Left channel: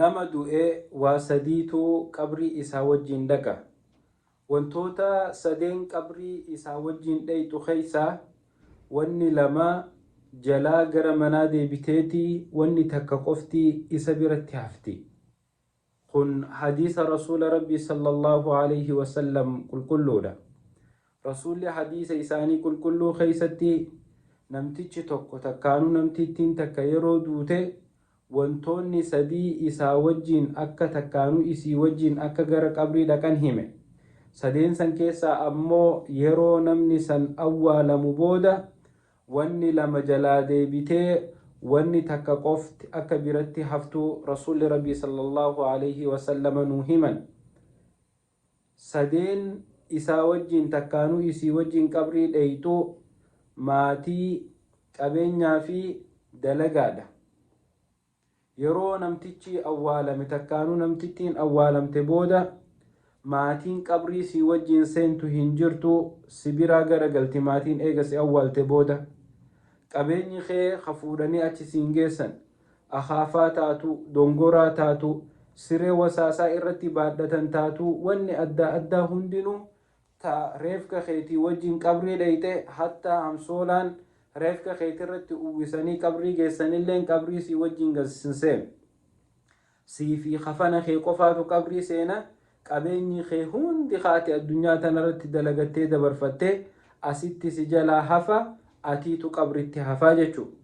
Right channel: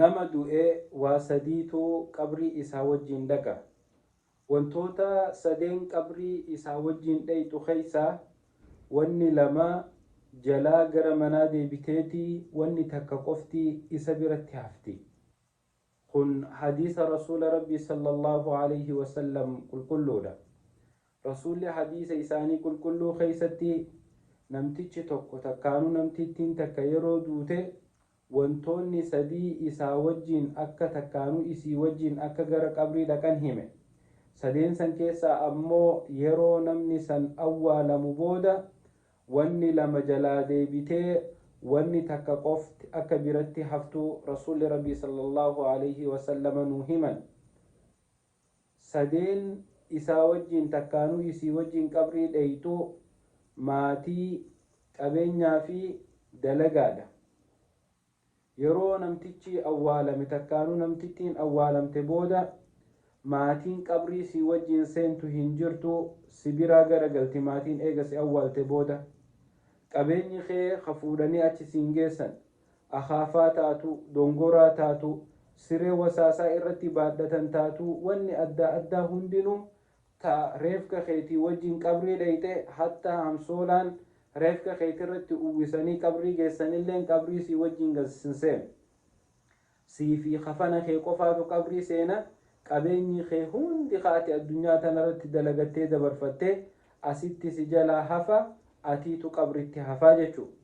nama du'e waa sadiitu qabrii isaa wajjin dhaqa. Wantoota sadeen qabrii isaa wajjin dhayxu keeysaa wanni lama jalaa gara manaa deebiteetii wanni takka qoftii isa biratti hafti. kun hadiisa rasuula rabbii sallallahu alayhi wasallam qulqulluudha. Rasuulli hadiisa isaanii qulqulluu keeysatti namtichi tokko takkaanuu namtittiin takka yeroo duute wantoonni sadii isaa wajjin akka takkaanuu isii wajjin akka gara qabrii dhaqan hime. Sadeen san keessaa ammoo yeroo namni san awwaalamu booda wanni lama jalaa deebitee wanni takka qofti akka biratti haftu rasuulli rabbii sallallahu alayhi wasallam nuu himan. Sadeen isaa wajjin takkaanuu isii wajjin qabrii dhayxu maatii, qabeenyaa fi dalagaadha. Yeroo namtichi awwaalame takkaanuu namtittiin awwaalamte booda maatiin qabrii si wajjin seentu hin jirtu, si biraa garagalti maatiin eega si awwaalte booda. Qabeenyi kee hafuudhanii achi siin geessan, akaafaa taatu, dongoraa taatu, siree wasaasaa irratti baadhatan taatu, wanni adda addaa hundinuu ta reefka keetii wajjin qabrii dhayxe hatta hamsoolaan reefka keetii irratti uwwisanii qabrii geessanilleen qabrii si wajjin galsinseen. Sii fi kafana kee qofaatu qabrii seena. Qabeenyi kee hundi kaati addunyaa tanarratti dalagattee dabarfattee asitti si jalaa hafa, atiitu qabritti hafaa jechuudha.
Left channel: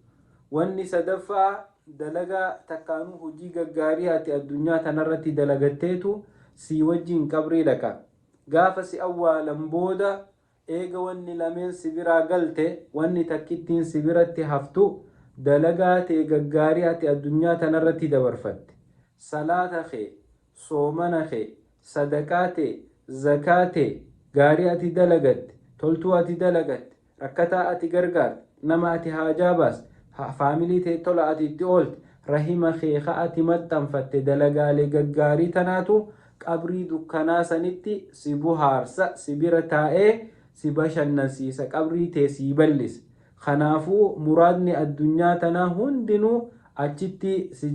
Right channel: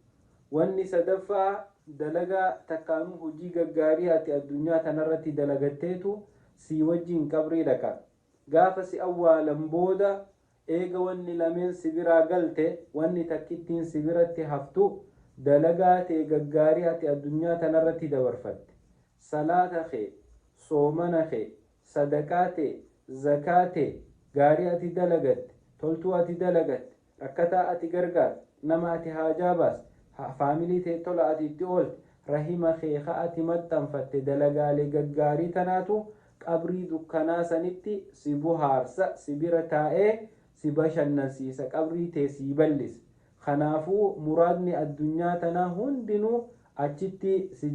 Wanni sadaffaa dalagaa takkaanuu hojii gaggaarii ati addunyaa tanarratti dalagatteetu si wajjin qabrii dhaqa. Gaafa si awwaalan booda eega wanni lameen si biraa galte, wanni takkittiin si biratti haftu dalagaa ta'e gaggaarii ati addunyaa tanarratti dabarfatte. Salaata kee, soomana kee, sadaqaate, zakaate, gaarii ati dalagatte, toltuu ati dalagatte, rakkataa ati gargaarte, nama ati haajaa baaste, faamilii ta'e tola ati itti oolte, rahima kee ati maxxanfatte dalagaalee gaggaarii tanaatu qabrii dukkanaa sanitti si buhaarsa, si bira taa'ee si bashannansiisa, qabrii ta'e si bal'isa. Kanaafuu muraadni addunyaa tanaa hundinuu achitti si